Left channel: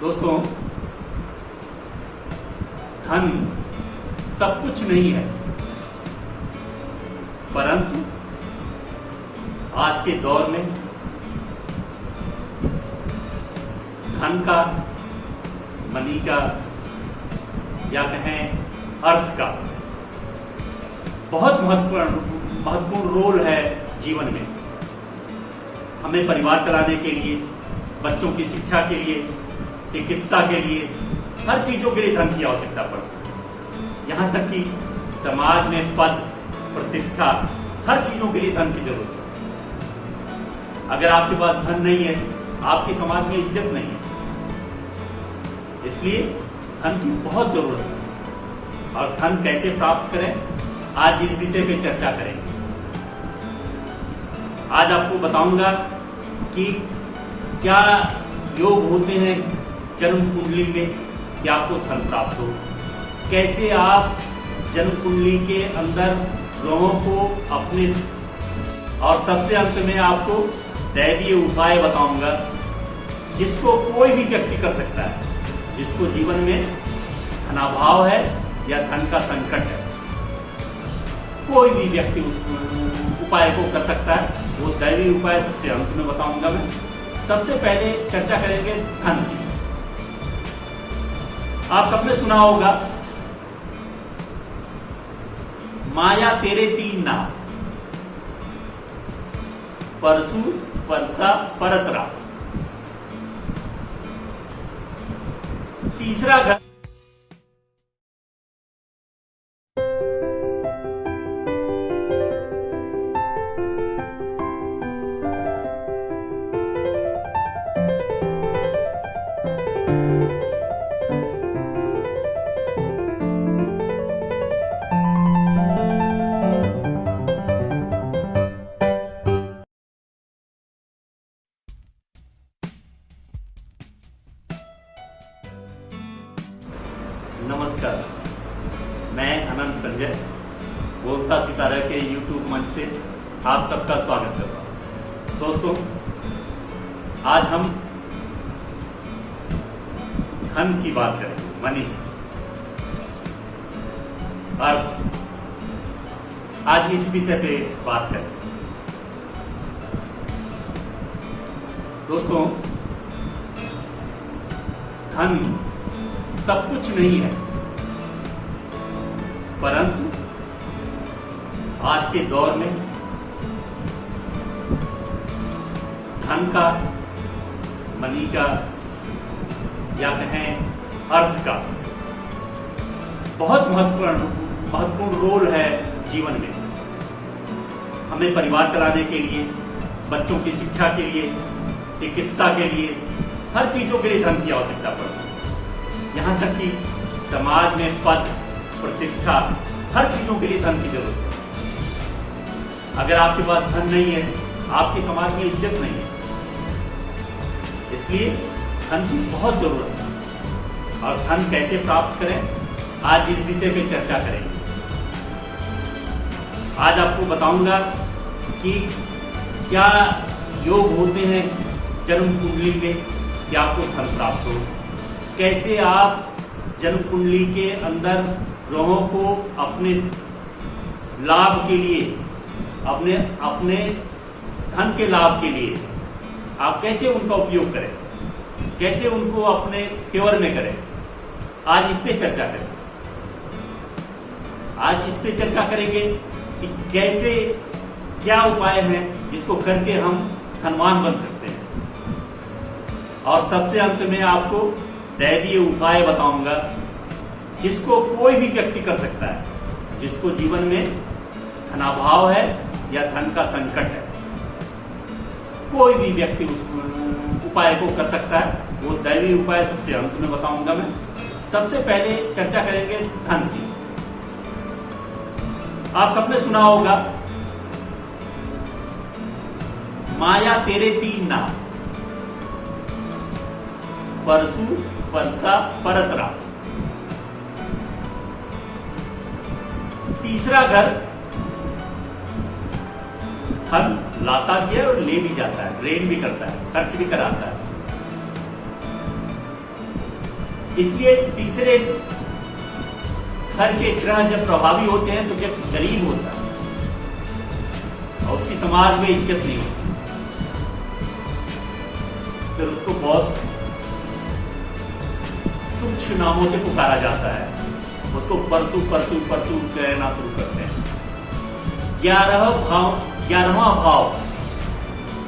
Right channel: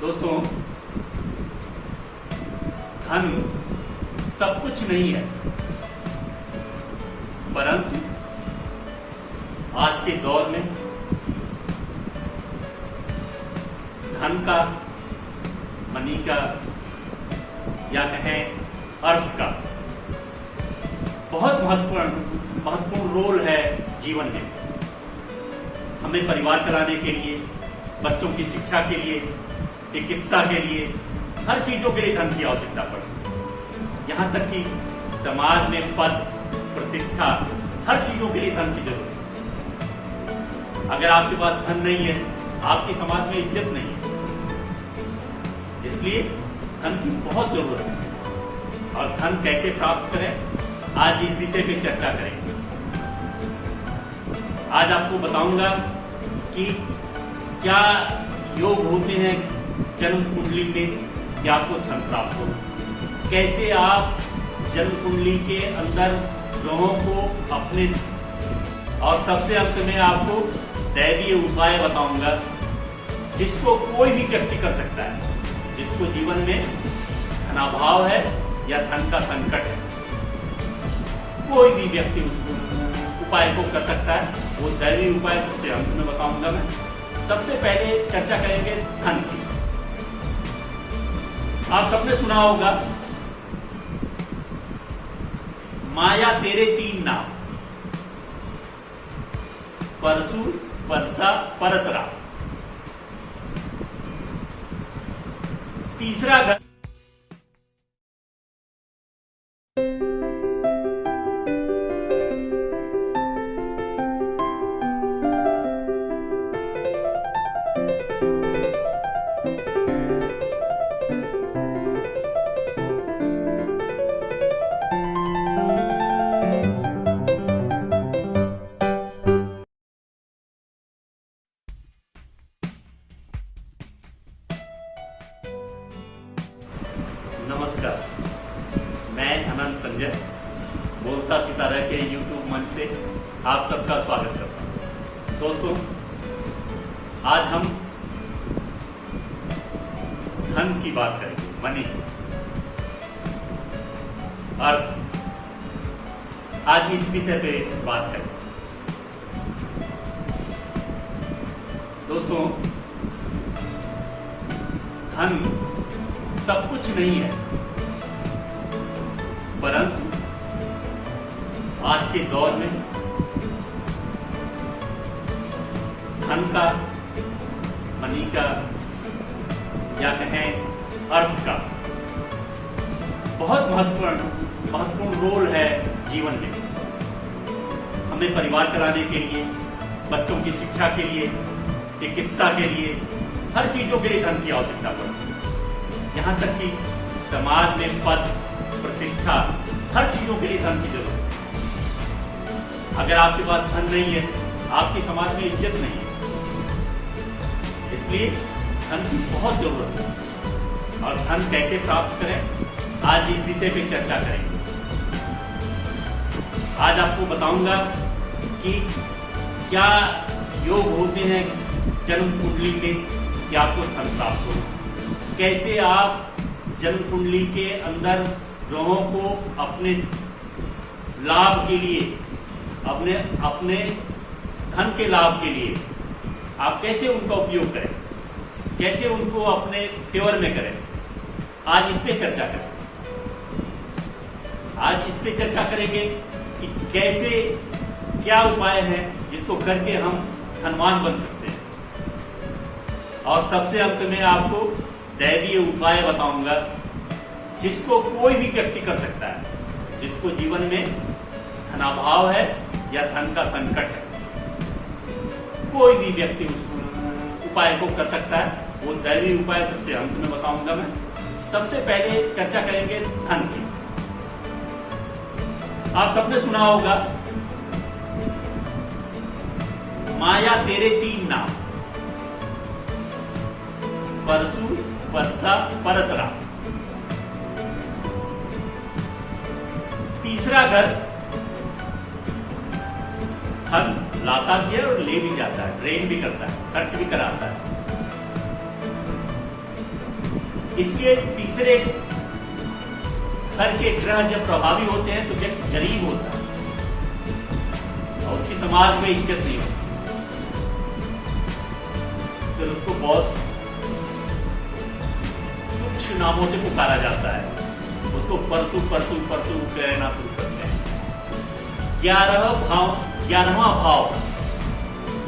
दोस्तों, धन सब कुछ नहीं है, परंतु आज के दौर में धन का, मनी का या कहें अर्थ का बहुत महत्वपूर्ण रोल है जीवन में। हमें परिवार चलाने के लिए, बच्चों की शिक्षा के लिए, चिकित्सा के लिए, हर चीजों के लिए धन की आवश्यकता पड़ती है। यहां तक कि समाज में पद, प्रतिष्ठा, हर चीजों के लिए धन की जरूरत है। अगर आपके पास धन नहीं है, आपकी समाज में इज्जत नहीं है। इसलिए धन की बहुत जरूरत है। और धन कैसे प्राप्त करें, आज इस विषय पे चर्चा करेंगे। आज आपको बताऊंगा कि क्या योग होते हैं जन्म कुंडली में कि आपको धन प्राप्त हो, कैसे आप जन्म कुंडली के अंदर ग्रहों को अपने, और सबसे अंत में आपको दैवीय उपाय बताऊंगा जिसको कोई भी व्यक्ति कर सकता है, जिसको जीवन में धनाभाव है या धन का संकट है। कोई भी व्यक्ति उस उपाय को कर सकता है। वो दैवीय उपाय सबसे अंत में बताऊंगा मैं। सबसे पहले चर्चा करेंगे धन की। आप सबने सुना होगा, माया तेरे तीन नाम, परसु, परसा, परसरा। तीसरा घर नमस्कार, मैं अनंत संजय बोलता सितारा के यूट्यूब मंच से आप सबका स्वागत करता हूं। दोस्तों, आज हम धन की बात करेंगे, मनी, अर्थ। आज इस विषय पे बात करेंगे। दोस्तों, धन सब कुछ नहीं है, परंतु आज के दौर में धन का, मनी का या कहें अर्थ का बहुत महत्वपूर्ण रोल है जीवन में। हमें परिवार चलाने के लिए, बच्चों की शिक्षा के लिए, चिकित्सा के लिए, हर चीजों के लिए धन की आवश्यकता पड़ती है। यहां तक कि समाज में पद, प्रतिष्ठा, हर चीजों के लिए धन की जरूरत है। अगर आपके पास धन नहीं है, आपकी समाज में इज्जत नहीं है। इसलिए धन की बहुत जरूरत है। और धन कैसे प्राप्त करें, आज इस विषय पे चर्चा करेंगे। आज आपको बताऊंगा कि क्या योग होते हैं जन्म कुंडली में कि आपको धन प्राप्त हो, कैसे आप जन्म कुंडली के अंदर ग्रहों को अपने लाभ के लिए, अपने धन के लाभ के लिए आप कैसे उनका उपयोग करें, कैसे उनको अपने फेवर में करें। आज इस पे चर्चा करें। आज इस पे चर्चा करेंगे कि कैसे, क्या उपाय है जिसको करके हम धनवान बन सकते हैं। और सबसे अंत में आपको दैवीय उपाय बताऊंगा जिसको कोई भी व्यक्ति कर सकता है, जिसको जीवन में धनाभाव है या धन का संकट है। कोई भी व्यक्ति उस उपाय को कर सकता है। वो दैवीय उपाय सबसे अंत में बताऊंगा मैं। सबसे पहले चर्चा करेंगे धन की। आप सबने सुना होगा, माया तेरे तीन नाम, परसु, परसा, परसरा। तीसरा घर धन लाता भी है और ले भी जाता है, ड्रेन भी करता है, खर्च भी कराता है। इसलिए तीसरे घर के ग्रह जब प्रभावी होते हैं तो व्यक्ति गरीब होता है और उसकी समाज में इज्जत नहीं होती, फिर उसको बहुत तुच्छ नामों से पुकारा जाता है, उसको परसू परसू परसू कहना शुरू करते हैं। 11वां भाव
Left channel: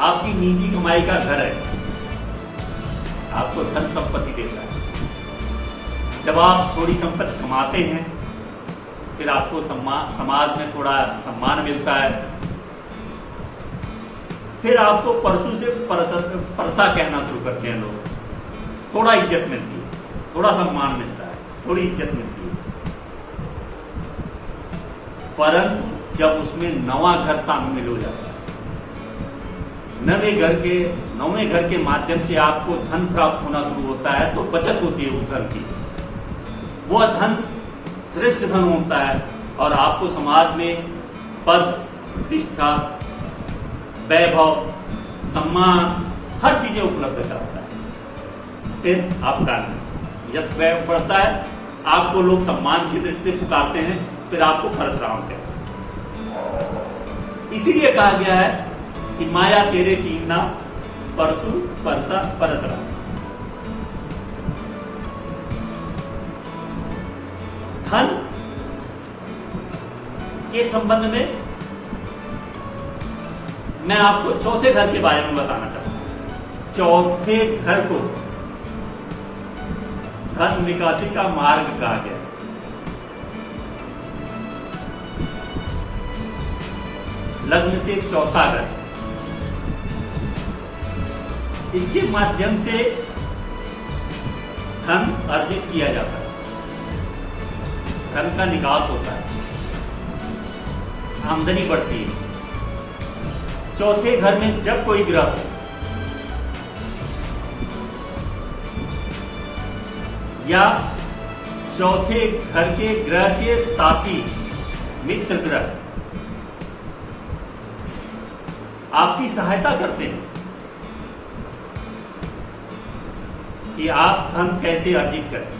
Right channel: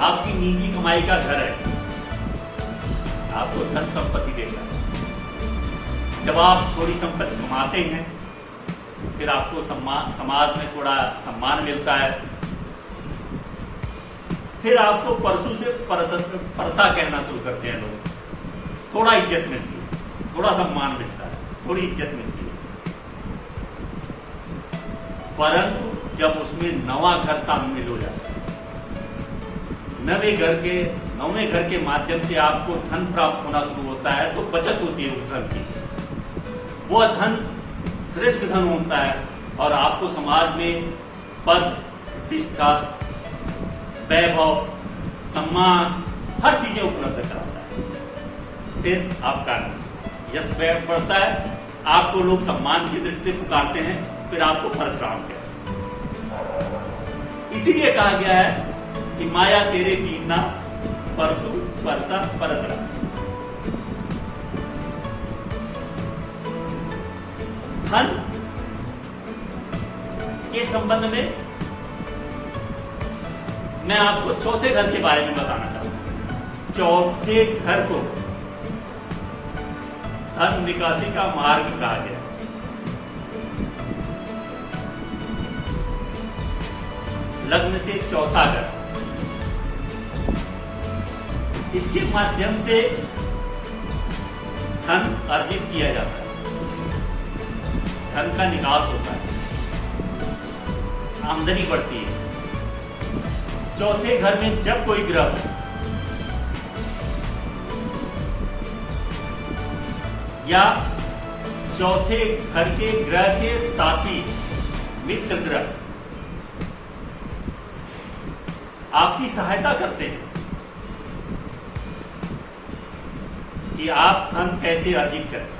आपकी निजी कमाई का घर है, आपको धन संपत्ति देता है। जब आप थोड़ी संपत्ति कमाते हैं फिर आपको समाज में थोड़ा सम्मान मिलता है, फिर आपको परसू से परसा कहना शुरू करते हैं लोग, थोड़ा इज्जत मिलती है, थोड़ा सम्मान मिलता है, थोड़ी इज्जत मिलती है। परंतु जब उसमें नवा घर शामिल हो जाता है, नवे घर के माध्यम से आपको धन प्राप्त होना शुरू होता है, तो बचत होती है उस धन की। वह धन श्रेष्ठ धन होता है और आपको समाज में पद, प्रतिष्ठा, वैभव, सम्मान, हर चीजें उपलब्ध कराता है। फिर आपका यश वैभव बढ़ता है, आपको लोग सम्मान की दृष्टि से पुकारते हैं, फिर आपको परशुराम कहते हैं। इसीलिए कहा गया है कि माया तेरे तीन नाम, परसु, परसा, परशुराम। धन के संबंध में मैं आपको चौथे घर के बारे में बताना चाहता हूं। चौथे घर को धन निकासी का मार्ग कहा गया है। लग्न से चौथा घर, इसके माध्यम से धन अर्जित किया जाता है, धन का निकास होता है, आमदनी बढ़ती है। चौथे घर में जब कोई ग्रह हो या चौथे घर के ग्रह के साथी मित्र ग्रह आपकी सहायता करते हैं कि आप धन कैसे अर्जित करें,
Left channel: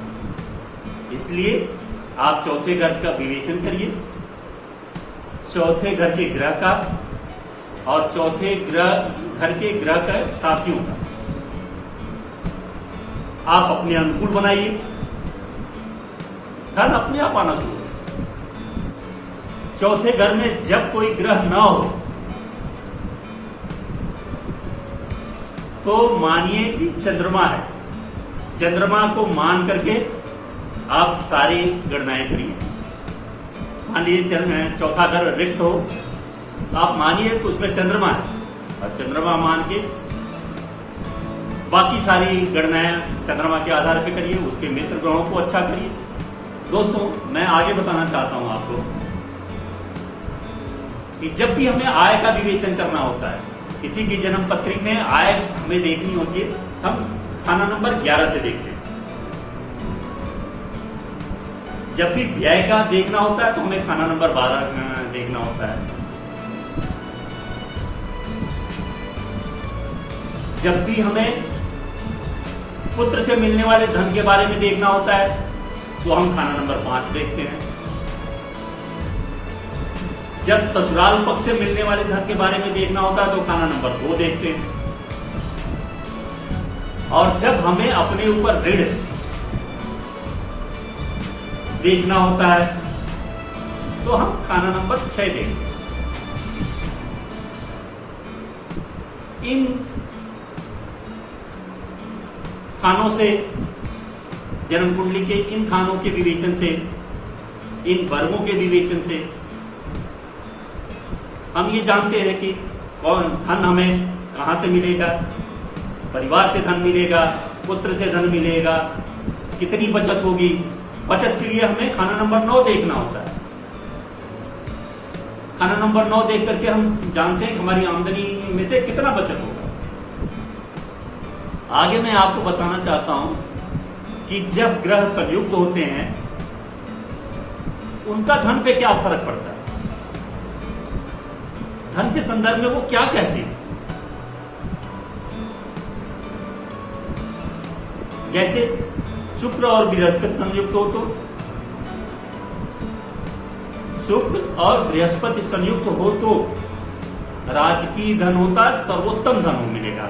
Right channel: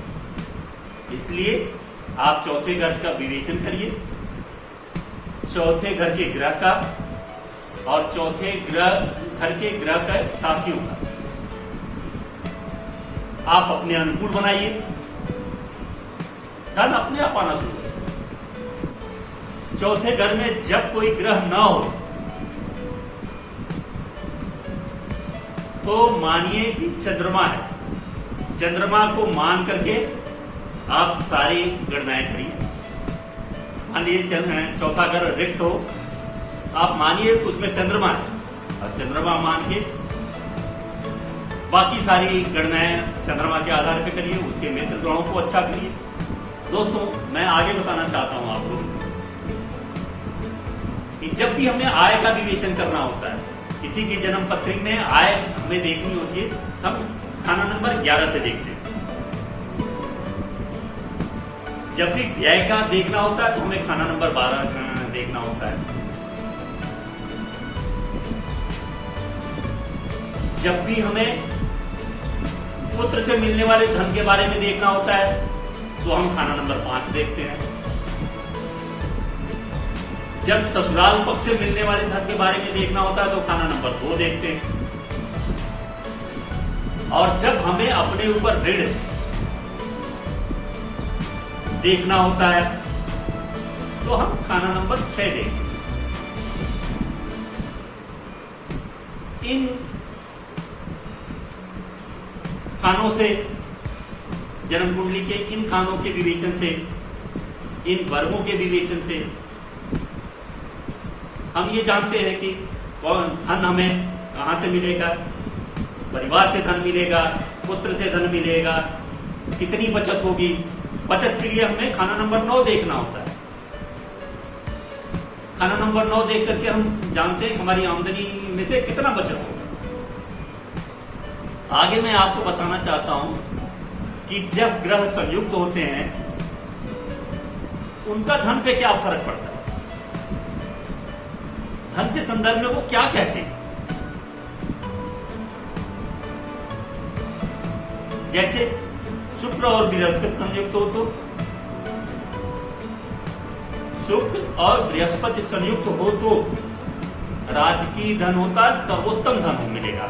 इसलिए आप चौथे घर का विवेचन करिए, चौथे घर के ग्रह का और चौथे घर के ग्रह का साथियों का आप अपने अनुकूल बनाइए, धन अपने आप आना शुरू हो। चौथे घर में जब कोई ग्रह ना हो तो मानिए कि चंद्रमा है, चंद्रमा को मान करके आप सारी गणनाएं करिए। मान लीजिए चौथा घर रिक्त हो, आप मानिए कि उसमें चंद्रमा है और चंद्रमा मान के बाकी सारी गणनाएं चंद्रमा के आधार पर करिए, उसके मित्र ग्रहों को अच्छा करिए। दोस्तों, मैं आगे बताना चाहता हूं आपको कि जब भी हमें आय का विवेचन करना होता है, किसी की जन्म पत्री में आय हमें देखनी होती है, हम खाना नंबर 11 से देखते हैं। जब भी व्यय का देखना होता है तो हमें खाना नंबर 12 देखना होता है। जब भी हमें पुत्र से मिलने वाले धन के बारे में देखना होता है तो हम खाना नंबर 5 देखते हैं। जब ससुराल पक्ष से मिलने वाले धन के बारे में देखना होता है तो खाना नंबर 2 देखते हैं। और जब हमें अपने ऊपर ऋण देखना होता है तो हम खाना नंबर 6 देखते हैं। इन खानों से, जन्म कुंडली के इन खानों के विवेचन से, इन वर्गों के विवेचन से हम ये जानते हैं कि कौन धन हमें कहां से मिलेगा, परिवार से धन मिलेगा, पुत्र से धन मिलेगा, कितनी बचत होगी। बचत के लिए हमें खाना नंबर 9 देखना होता है। खाना नंबर 9 देख करके हम जानते हैं कि हमारी आमदनी में से कितना बचत होगा। आगे मैं आपको बताना चाहता हूं कि जब ग्रह संयुक्त होते हैं उनका धन पे क्या फर्क पड़ता है, धन के संदर्भ में वो क्या कहते हैं। जैसे शुक्र और बृहस्पति संयुक्त हो तो, शुक्र और बृहस्पति संयुक्त हो तो राजकीय धन होता है, सर्वोत्तम धन मिलेगा,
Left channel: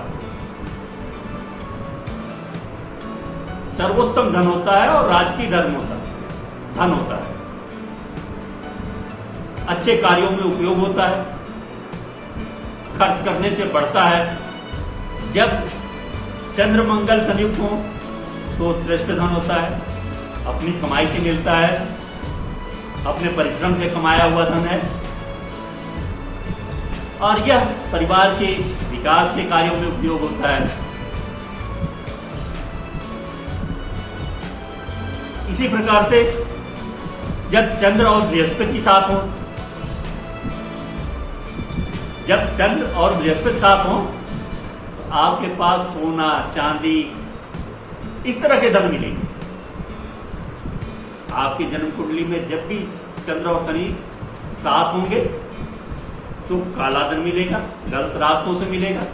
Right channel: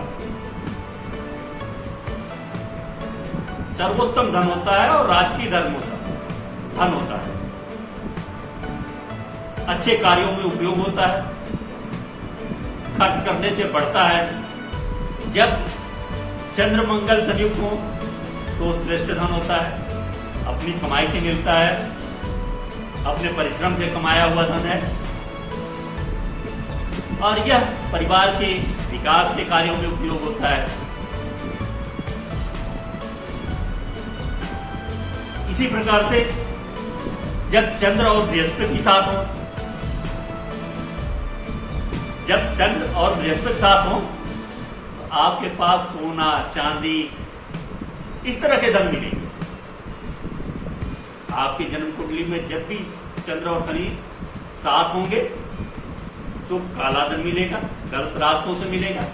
सर्वोत्तम धन होता है और राजकीय धन होता है। अच्छे कार्यों में उपयोग होता है, खर्च करने से बढ़ता है। जब चंद्र मंगल संयुक्त हो तो श्रेष्ठ धन होता है, अपनी कमाई से मिलता है, अपने परिश्रम से कमाया हुआ धन है और यह परिवार के विकास के कार्यों में उपयोग होता है। इसी प्रकार से जब चंद्र और बृहस्पति साथ हो, जब चंद्र और बृहस्पति साथ हो तो आपके पास सोना चांदी इस तरह के धन मिलेंगे। आपकी जन्म कुंडली में जब भी चंद्र और शनि साथ होंगे तो काला धन मिलेगा, गलत रास्तों से मिलेगा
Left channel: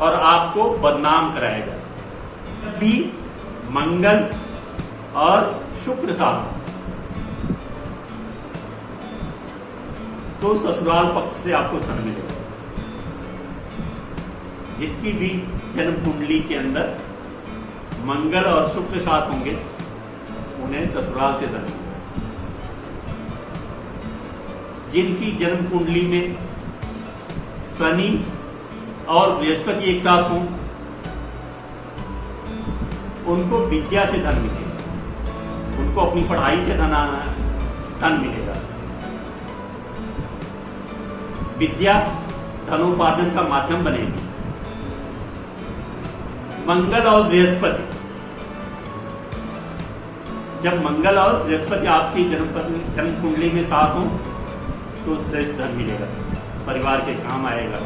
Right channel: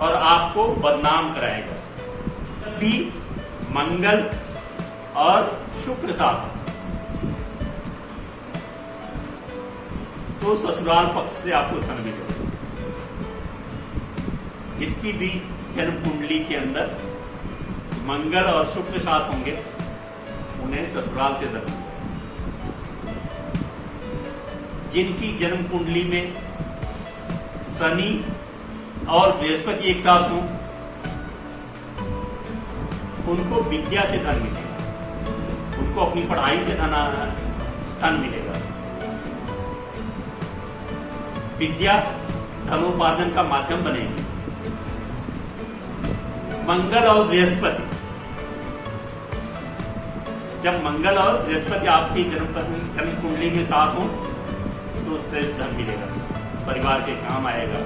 और आपको बदनाम कराएगा। जब भी मंगल और शुक्र साथ हो तो ससुराल पक्ष से आपको धन मिलेगा। जिसकी भी जन्म कुंडली के अंदर मंगल और शुक्र साथ होंगे उन्हें ससुराल से धन मिलेगा। जिनकी जन्म कुंडली में शनि और बृहस्पति एक साथ हों उनको विद्या से धन मिलेगा, उनको अपनी पढ़ाई से धन मिलेगा। विद्या धनोपार्जन का माध्यम बनेगी। मंगल और बृहस्पति, जब मंगल और बृहस्पति आपकी जन्म कुंडली में साथ हो तो श्रेष्ठ धन मिलेगा, परिवार के काम आएगा,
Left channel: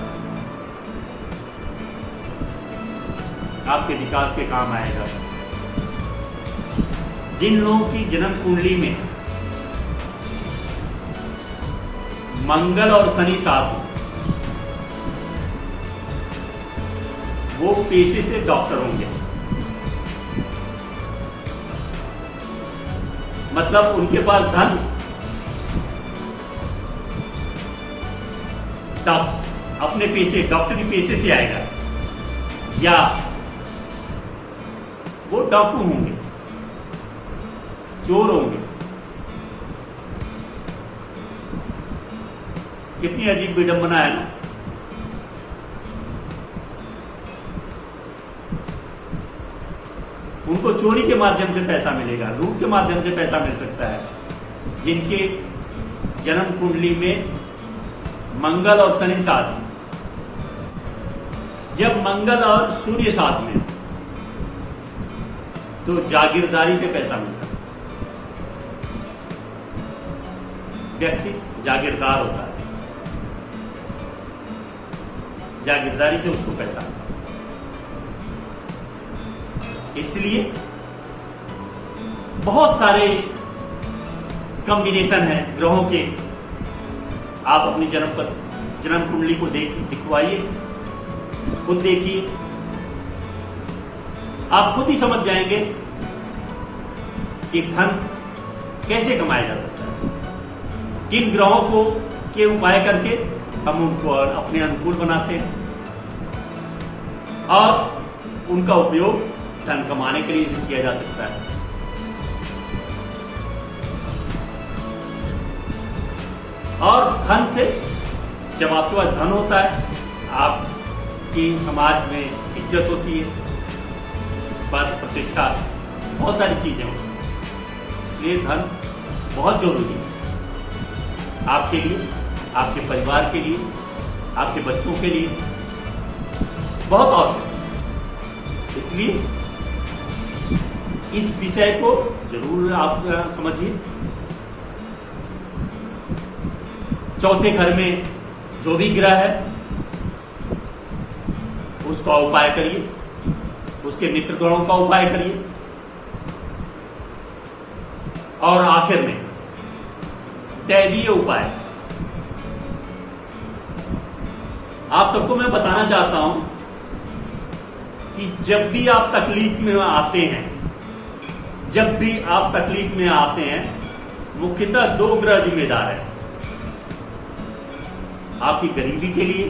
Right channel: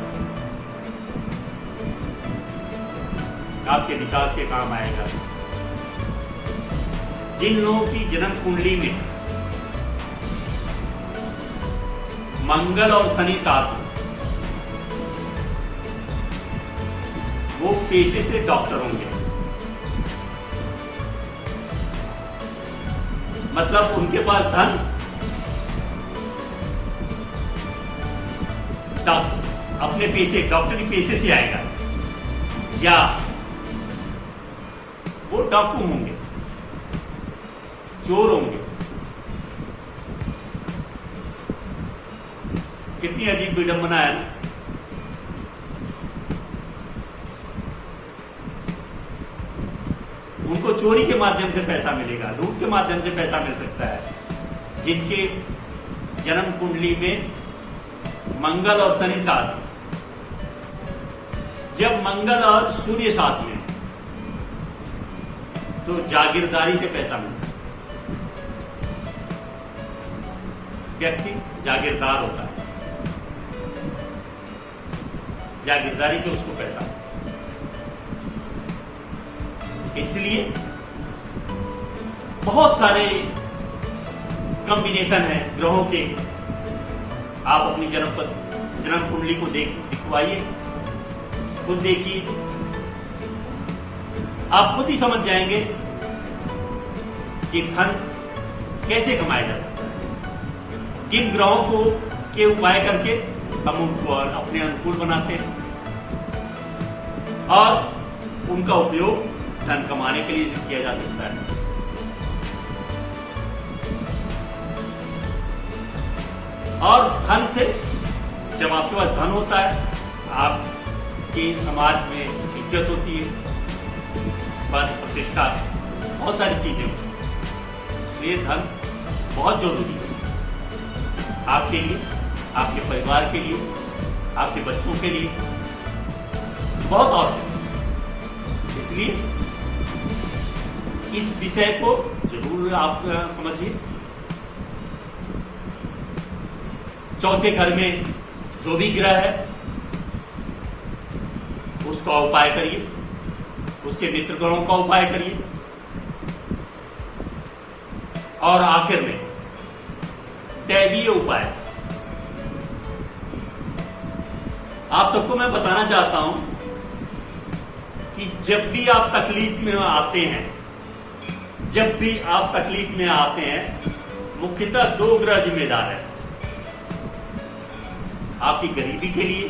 आपके विकास के काम आएगा। जिन लोगों की जन्म कुंडली में मंगल और शनि साथ हो वो पेशे से डॉक्टर होंगे, मतलब उनके पास धन अपने पेशे डॉक्टरी पेशे से आएगा, या वो डाकू होंगे, चोर होंगे। कितनी अजीब विडंबना है ना। उनको चोरी के माध्यम से पैसा मिलेगा, लूट के माध्यम से पैसा मिल सकता है। जिनके जन्म कुंडली में मंगल और शनि साथ, जब मंगल और सूर्य साथ में तो जागीरदारी से पैसा मिलता है। व्यक्ति जागीरदार होता है, जागीरदारी से उसको पैसा मिलता है। इसलिए बहुत सारे कॉम्बिनेशन है ग्रहों के। आप अपनी जन्म कुंडली को दिखवाइए, खुद देखिए, आप खुद ही समझ जाएंगे कि धन कैसे कमाया जा सकता है, किन ग्रहों को के उपाय करके हम उनको अपने अनुकूल बनाते हैं और उनका उपयोग धन कमाने के लिए किया जा सकता है। और धन से, जब आपके पास धन होता है, आपकी समाज में इज्जत होती है, पद प्रतिष्ठा, बहुत सारी चीजें होती हैं। इसलिए धन बहुत जरूरी है आपके लिए, आपके परिवार के लिए, आपके बच्चों के लिए, बहुत आवश्यक है। इसलिए इस विषय को जरूर आप समझिए। चौथे घर में जो भी ग्रह है उसका उपाय करिए, उसके मित्र ग्रहों का उपाय करिए और आखिर में दैवीय उपाय। आप सबको मैं बताना चाहता हूं कि जब भी आप तकलीफ में आते हैं जब भी आप तकलीफ में आते हैं, मुख्यतः दो ग्रह जिम्मेदार हैं। आपकी गरीबी के लिए,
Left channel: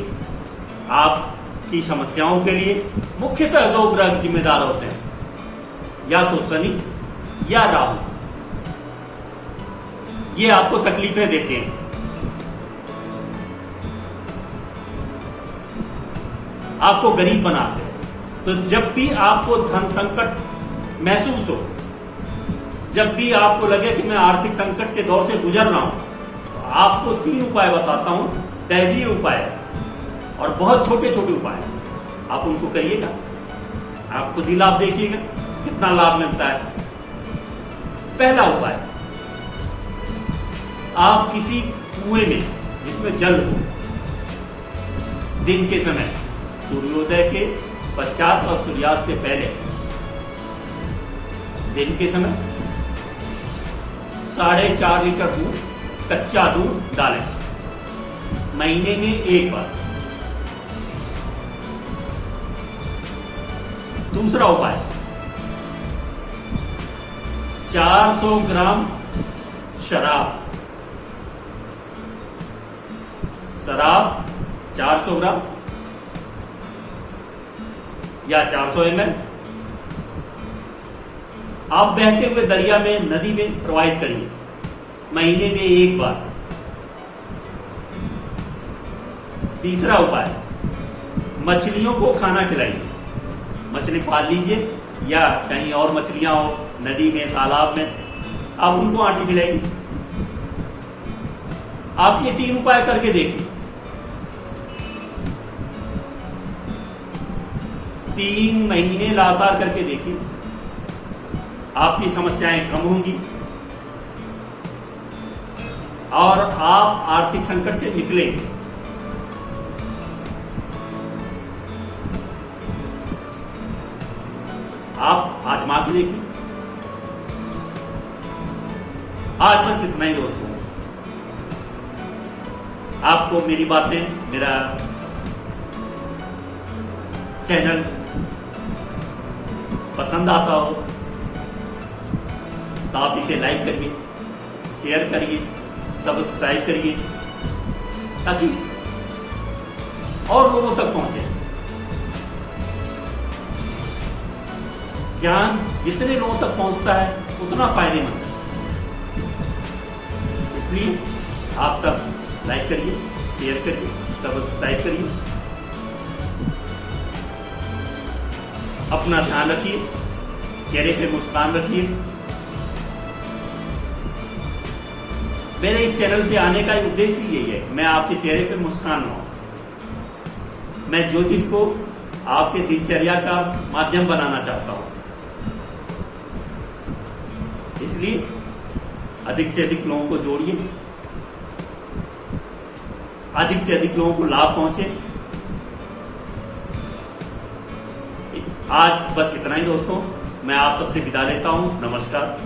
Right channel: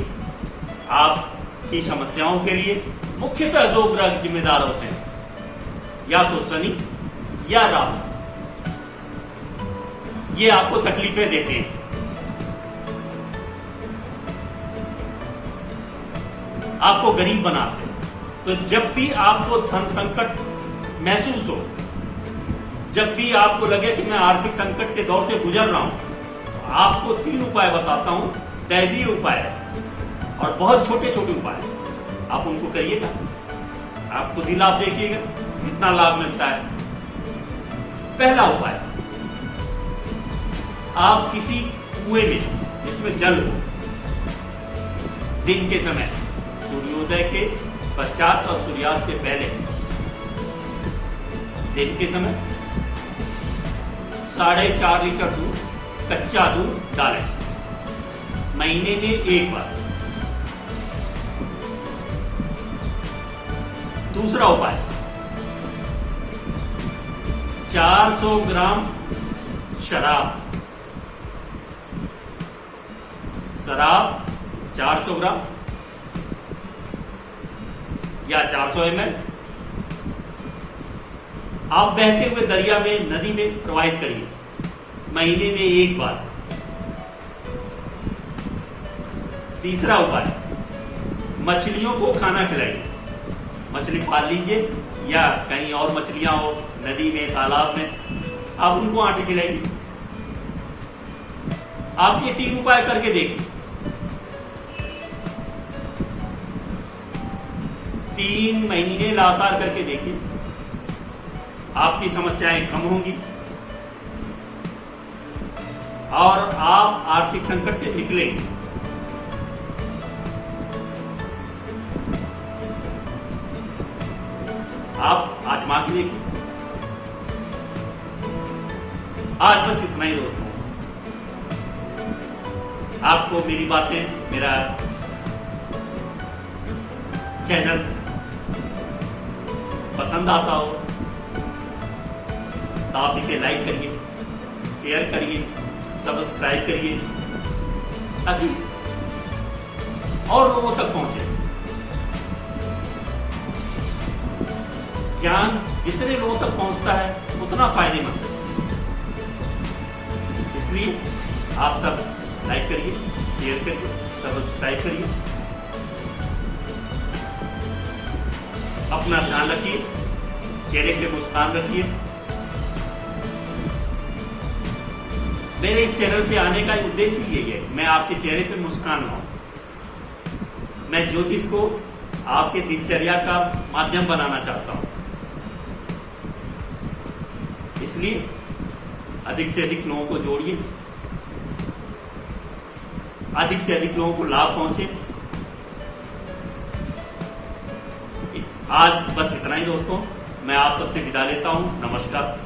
आपकी समस्याओं के लिए मुख्यतः दो ग्रह जिम्मेदार होते हैं, या तो शनि या राहु। ये आपको तकलीफें देते हैं। आपको गरीब बनाते हैं। तो जब भी आपको धन संकट महसूस हो, जब भी आपको लगे कि मैं आर्थिक संकट के दौर से गुजर रहा हूं, तो आपको 3 उपाय बताता हूं, दैवीय उपाय और बहुत छोटे छोटे उपाय। आप उनको करिएगा, आप खुद ही लाभ देखिएगा कितना लाभ मिलता है। पहला उपाय, आप किसी कुएं में जिसमें जल हो, दिन के समय सूर्योदय के पश्चात और सूर्यास्त से पहले, दिन के समय 4.5 लीटर दूध, कच्चा दूध डालें महीने में एक बार। दूसरा उपाय, 400 ग्राम शराब 400 ग्राम या 400 ml आप बहते हुए दरिया में, नदी में प्रवाहित करिए महीने में एक बार। तीसरा उपाय, मछलियों को खाना खिलाइए। मछली पाल लीजिए या कहीं और मछलियां हो, नदी में, तालाब में, आप उनको आटे खिलाइए। आप ये 3 उपाय करके देखिए। 3 महीने लगातार करके देखिए, आपकी समस्याएं कम होंगी और आप आर्थिक संकट से निकलेंगे। आप आजमा के देखिए। आज बस इतना ही दोस्तों। आपको मेरी बातें, मेरा चैनल पसंद आता हो तो आप इसे लाइक करिए, शेयर करिए, सब्सक्राइब करिए, ताकि और लोगों तक पहुंचे। ज्ञान जितने लोगों तक पहुंचता है उतना फायदेमंद है। इसलिए आप सब लाइक करिए, शेयर करिए, सब्सक्राइब करिए। अपना ध्यान रखिए, चेहरे पे मुस्कान रखिए। मेरे इस चैनल पे आने का उद्देश्य यही है, मैं आपके चेहरे पे मुस्कान लाऊं। मैं ज्योतिष को आपके दिनचर्या का माध्यम बनाना चाहता हूं। इसलिए अधिक से अधिक लोगों को जोड़िए, अधिक से अधिक लोगों को लाभ पहुंचे। आज बस इतना ही दोस्तों, मैं आप सबसे विदा लेता हूं। नमस्कार।